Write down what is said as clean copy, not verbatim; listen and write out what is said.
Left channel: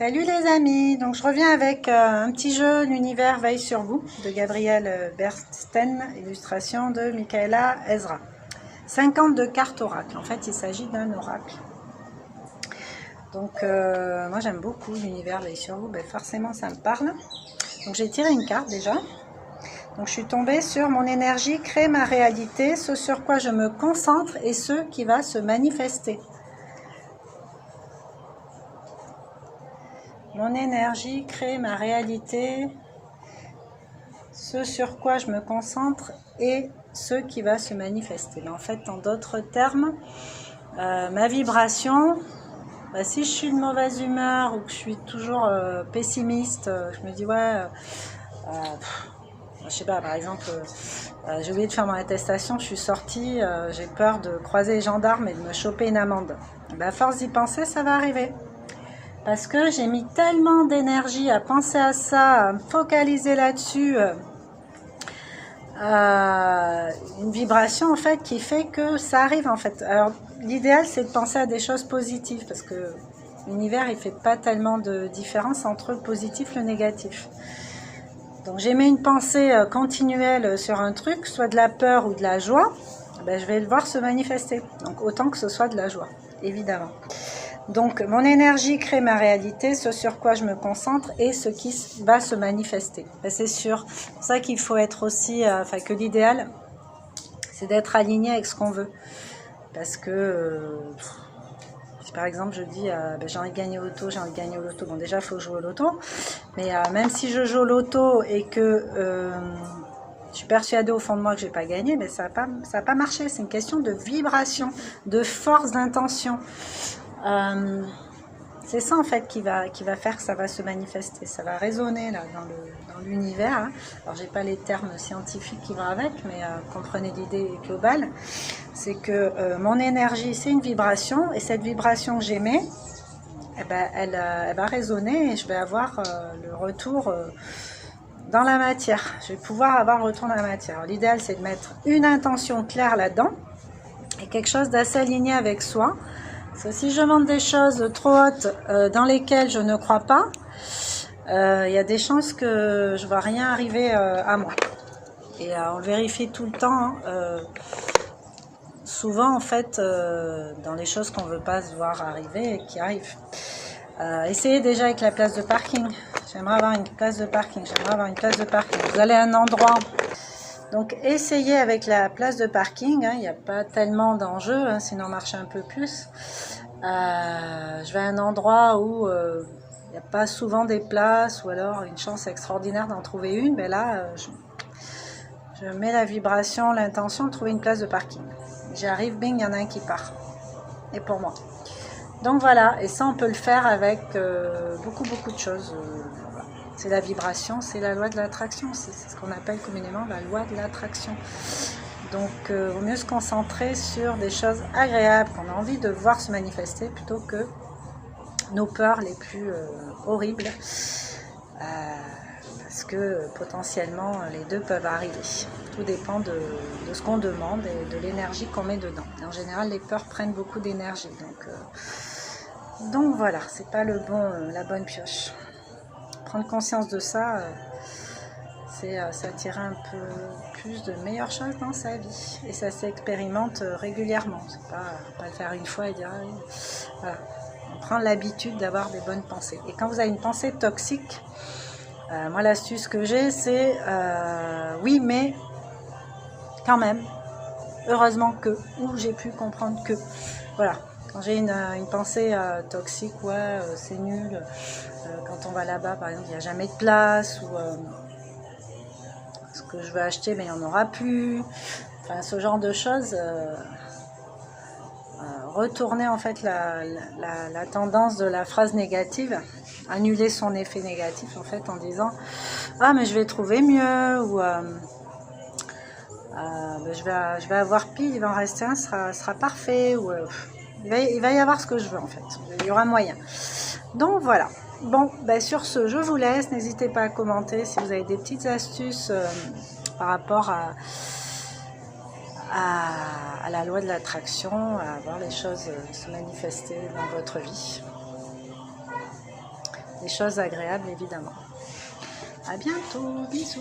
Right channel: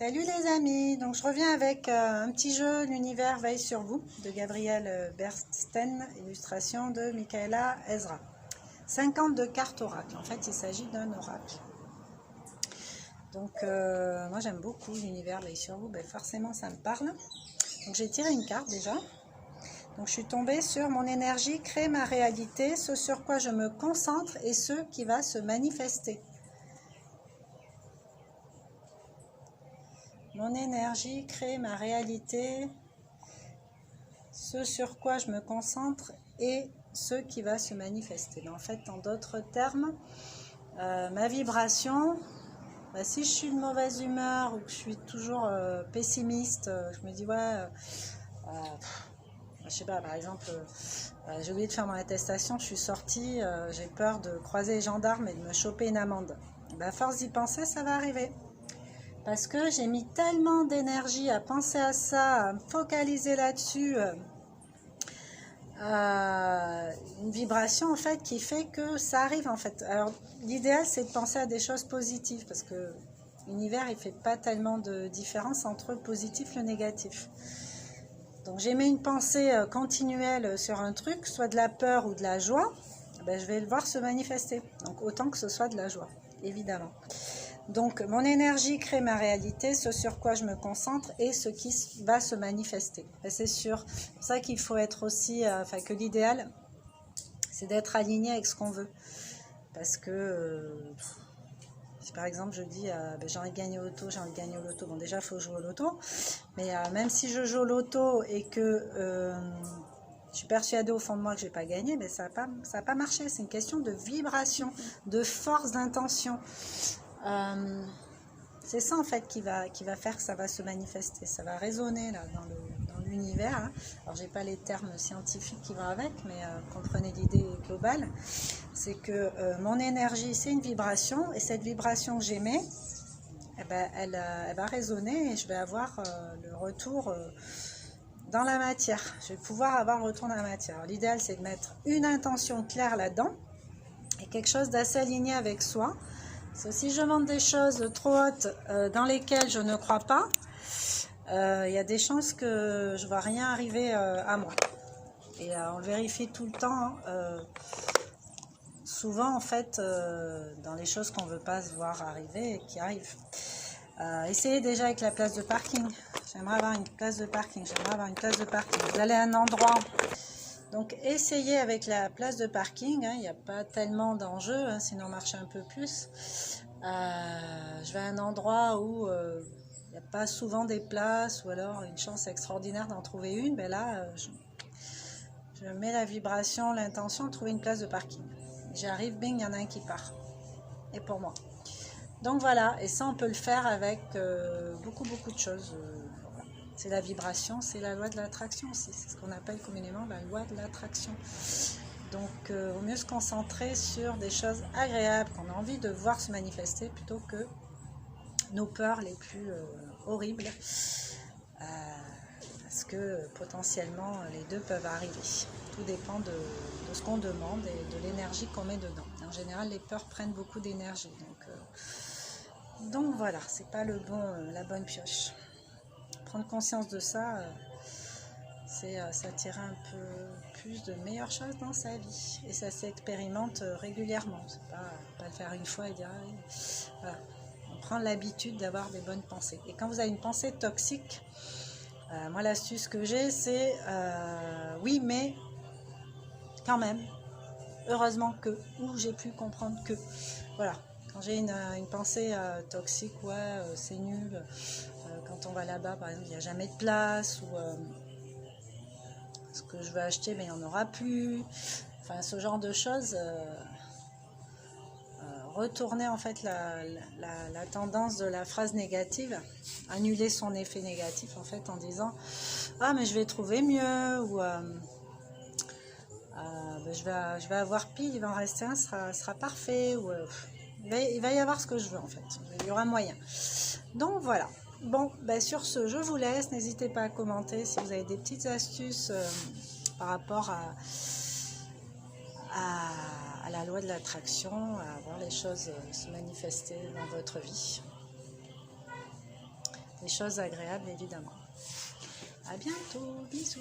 Salut les amis, donc je reviens avec un petit jeu L'univers veille sur vous de Gabriel Bernstein, illustration de Michaela Ezra. 52 cartes oracle, en fait il s'agit d'un oracle. Donc moi j'aime beaucoup L'univers veille sur vous, ben forcément ça me parle. Donc j'ai tiré une carte déjà. Donc je suis tombée sur mon énergie crée ma réalité, ce sur quoi je me concentre et ce qui va se manifester. Mon énergie crée ma réalité, ce sur quoi je me concentre et ce qui va se manifester. En fait, en d'autres termes, ma vibration, si je suis de mauvaise humeur ou que je suis toujours pessimiste, je me dis ouais, je sais pas, par exemple, j'ai oublié de faire mon attestation, je suis sortie, j'ai peur de croiser les gendarmes et de me choper une amende. À force d'y penser, ça va arriver. Parce que j'ai mis tellement d'énergie à penser à ça, à me focaliser là-dessus, une vibration en fait qui fait que ça arrive en fait. Alors l'idéal c'est de penser à des choses positives parce que l'univers il fait pas tellement de différence entre le positif et le négatif. Donc j'ai mis une pensée continuelle sur un truc, soit de la peur ou de la joie, je vais le voir se manifester. Donc autant que ce soit de la joie, évidemment. Donc, mon énergie crée ma réalité, ce sur quoi je me concentre et ce qui va se manifester. C'est sûr. C'est pour ça qu'il faut être aussi, que l'idéal, c'est d'être aligné avec ce qu'on veut. Parce que, si par exemple je dis, j'ai envie de gagner au loto, j'ai envie de gagner au loto. Bon, déjà, il faut jouer au loto. Mais même si je joue au loto et que je suis persuadée au fond de moi que je n'ai pas gagné, mais ça va pas marcher. C'est une question de vibration, de force d'intention. C'est ça en fait qui va faire que ça va se manifester, ça va résonner là dans l'univers. Hein. Alors j'ai pas les termes scientifiques qui vont avec, mais comprenez l'idée globale. C'est que mon énergie c'est une vibration et cette vibration que j'émets, elle va résonner et je vais avoir le retour dans la matière. Je vais pouvoir avoir le retour dans la matière. L'idéal c'est de mettre une intention claire là-dedans et quelque chose d'assez aligné avec soi. Parce que si je demande des choses trop hautes dans lesquelles je ne crois pas, il y a des chances que je ne vois rien arriver à moi. Et on le vérifie tout le temps. Souvent, en fait, dans les choses qu'on ne veut pas se voir arriver et qui arrivent. Essayez déjà avec la place de parking. J'aimerais avoir une place de parking. Vous allez à un endroit. Donc essayez avec la place de parking, il n'y a pas tellement d'enjeux, sinon on marche un peu plus. Je vais à un endroit où il n'y a pas souvent des places ou alors une chance extraordinaire d'en trouver une, mais là je mets la vibration, l'intention de trouver une place de parking. J'arrive, bing, il y en a un qui part. Et pour moi. Donc voilà, et ça on peut le faire avec beaucoup de choses. C'est la vibration, c'est la loi de l'attraction, c'est ce qu'on appelle communément la loi de l'attraction. Donc, il vaut mieux se concentrer sur des choses agréables qu'on a envie de voir se manifester plutôt que nos peurs les plus horribles. Parce que potentiellement, les deux peuvent arriver. Tout dépend de ce qu'on demande et de l'énergie qu'on met dedans. En général, les peurs prennent beaucoup d'énergie. Donc voilà, c'est pas la bonne pioche. Prendre conscience de ça, c'est attirer un peu plus de meilleures choses dans sa vie. Et ça s'expérimente régulièrement. C'est pas le faire une fois et dire ah oui. Voilà. On prend l'habitude d'avoir des bonnes pensées. Et quand vous avez une pensée toxique, moi l'astuce que j'ai, c'est oui, mais quand même, heureusement que, ou j'ai pu comprendre que. Voilà. Quand j'ai une pensée toxique, c'est nul. Quand on va là-bas, par exemple, il n'y a jamais de place, ou ce que je veux acheter, mais il n'y en aura plus. Enfin, ce genre de choses. Retourner en fait la tendance de la phrase négative, annuler son effet négatif en fait en disant ah mais je vais trouver mieux ou je vais avoir pile, il va en rester un, sera parfait ou il va y avoir ce que je veux en fait, il y aura moyen. Donc voilà. Bon, sur ce, je vous laisse. N'hésitez pas à commenter si vous avez des petites astuces par rapport à la loi de l'attraction, à voir les choses se manifester dans votre vie. des choses agréables évidemment. À bientôt, bisous.